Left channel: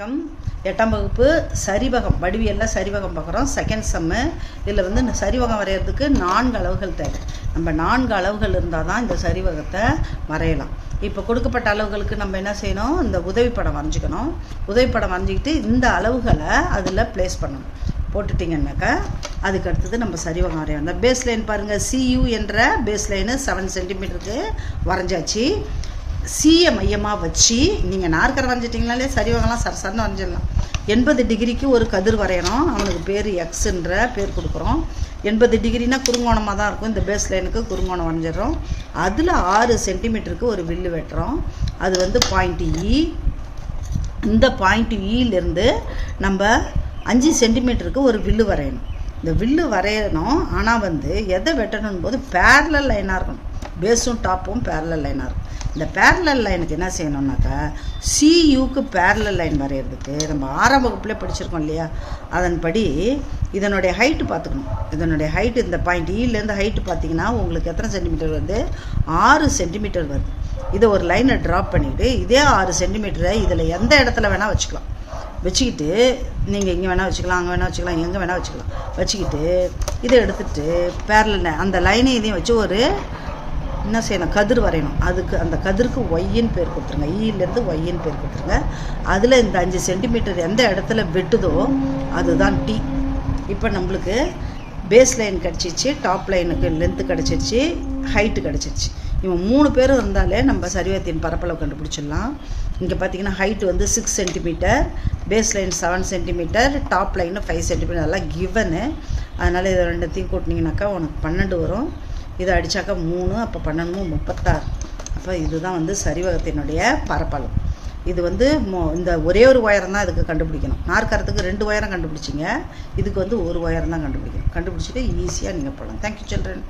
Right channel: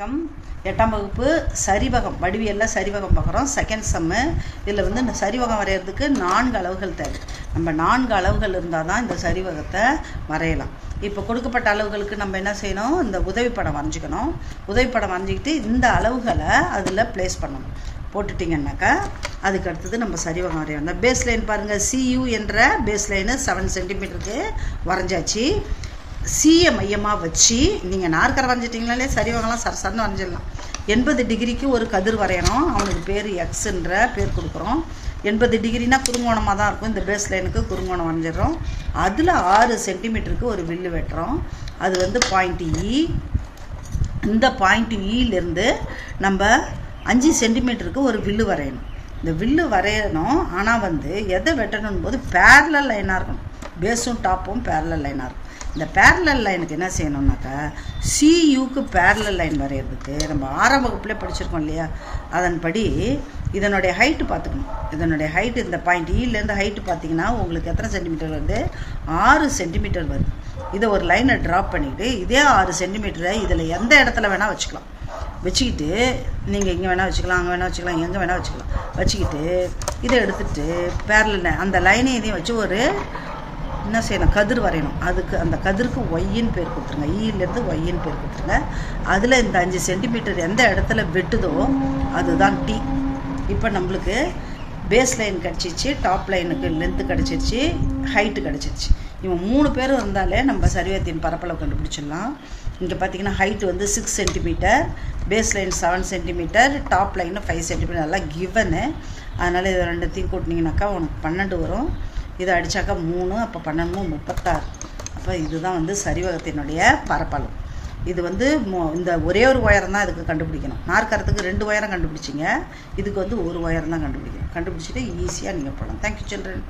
வணக்கம். 8ஆம் வகுப்பு சரிவகம் வடிவியலில் சரிவகம் பார்க்குறோம். செகண்ட் சம்மு. இதில் இருந்து சரிவகம் வரைகிறதுக்கு 4 அளவுகள் தேவை. நம்ம 4 அளவுகள் இருந்தால் தான் இந்த சரிவகத்தை வரையலாம். இப்போ கொடுக்கப்பட்ட அளவுகளுக்கு நம்ம என்ன செய்யணும், இந்த உதவிப்படம் வரைஞ்சிக்கணும். உதவிப்படம் வரைஞ்சிக்கிட்டு இந்த அளவுகளை அதில் ப்ளேஸ் பண்ணணும். போட்டுட்டிங்கன்னாக்கா அதுக்கு அடுத்தது நம்ம சரிவகம் வரையணும். இந்த பேஸ் லைன் பாருங்கள், CU என்ற பேஸ் லைனு 7 சென்டிமீட்டருக்கு வரைஞ்சாச்சு. சியை மையமாக வச்சு நீங்கள் நாற்கரை வரைஞ்சிட்டிங்கனாலே சரிவகம்லாம் சரசரன்னு வரைஞ்சிடலாம். 80 டிகிரிக்கு ஒரு கதிர் வரையணும். அவனுக்கு பேர் எக்ஸுன்ற பேர் கொடுக்குறோம். 80 டிகிரினா குறுங்கோணமாக தான் இருக்கும். இந்த பேஸ் லைனுக்கு குறுங்கோணம் வரைஞ்சிடறோம். அதில் 6 சென்டிமீட்டருக்கு ஒரு வில்லு வெட்டுறோம். அது வந்து பாயிண்ட் E. இந்த பாயிண்ட் Eலேருந்து நம்ம 5 சென்டிமீட்டருக்கு ஒரு வில்லு வரையணும். இந்த வில்லு வரையணும். ஆனால் வந்து எதை வெட்டணும் போது பேரலல் லைனாக இருக்கணும். பேஸும் டாப்பும் பேரலல் லைனாக இருக்கும். இந்த பேரலல் லைனுக்கு என்ன செய்யணும்னாக்கா, CUக்கு பேரலல் லைன் வரைகிறதுக்கு நம்ம 6ஆம் வகுப்புலேயே படிச்சிருக்கோம் இல்லையா, அதன்படி இதனுடைய ஹைட்டு பார்த்துக்கணும். இதனுடைய ஹைட்டு இந்த பாயிண்ட் Eலேருந்து ஹைட்டு பார்த்தீங்கன்னா உங்களுக்கு எத்தனை சென்டிமீட்டர் வருது, 6 சென்டிமீட்டர் வருது. இதை ஒரு லைனை ட்ராப் பண்ணிவிட்டு இதே 6 சென்டிமீட்டரை இதில் எந்த இடத்துல வேணால் வச்சுக்கலாம். வச்சுக்கிட்டு நீங்கள் இங்கே வேணால் வச்சுக்கலாம், அங்கே வேணால் வச்சுக்கலாம், எங்கே வேணால் வச்சுக்கலாம். வச்சுக்கிட்டு இதை எடுத்துகிட்டு பேரலல் அந்த லைனை இதையும் வச்சு ஒரு என்ன செய்யணும், கதிர் வரையணும். அதுக்கு அந்த கதிருக்கு ஒய்ன்னு பேர் கொடுத்துருங்க. ஈலேருந்து ஒய்ன்னு பேர் கொடுத்துருங்க. அதில் இந்த 5 சென்டிமீட்டர் எந்த இடத்துல வெட்டுதோ அதுதான் T. இப்போ நம்மளுக்கு பேஸ் லைன் கிடச்சிச்சு, டாப் லைனுக்கு லென்த்து கிடச்சிருச்சு, ஹைட்டு கிடச்சிருச்சு. இவன் 3 பேரும் இருந்தாலே நம்ம சரிவகத்தின் பரப்பளவு கண்டுபிடிச்சிடலாம். இங்கே பார்த்தீங்கன்னா ஹைட்டு வந்து 6 centimetre, base line 7 centimetre, top line 5 centimetre. அதெல்லாம் கிவனு. அதனால் இது ரெண்டுத்தையும் கூட்டினீங்கன்னாக்கா உனக்கு 12 வரும். இதை அடித்தாக்கா 3, அப்போ 12 36. அப்போ இதுதான் வந்து சரிவகத்தினுடைய பரப்பளவு. இது வந்து இந்த ஒரே ஒரு உயரம் தான் இதுக்கு கண்டுபிடிக்கணும். நாற்கரத்துக்கு 2 உயரம் கண்டுபிடிச்சிங்க, இதுக்கு வந்து ஒரு உயரம் தான் கண்டுபிடிக்கணும். கண்டுபிடிச்சிட்டு ஈஸியாக நீங்கள் போகலாம். Thank you children.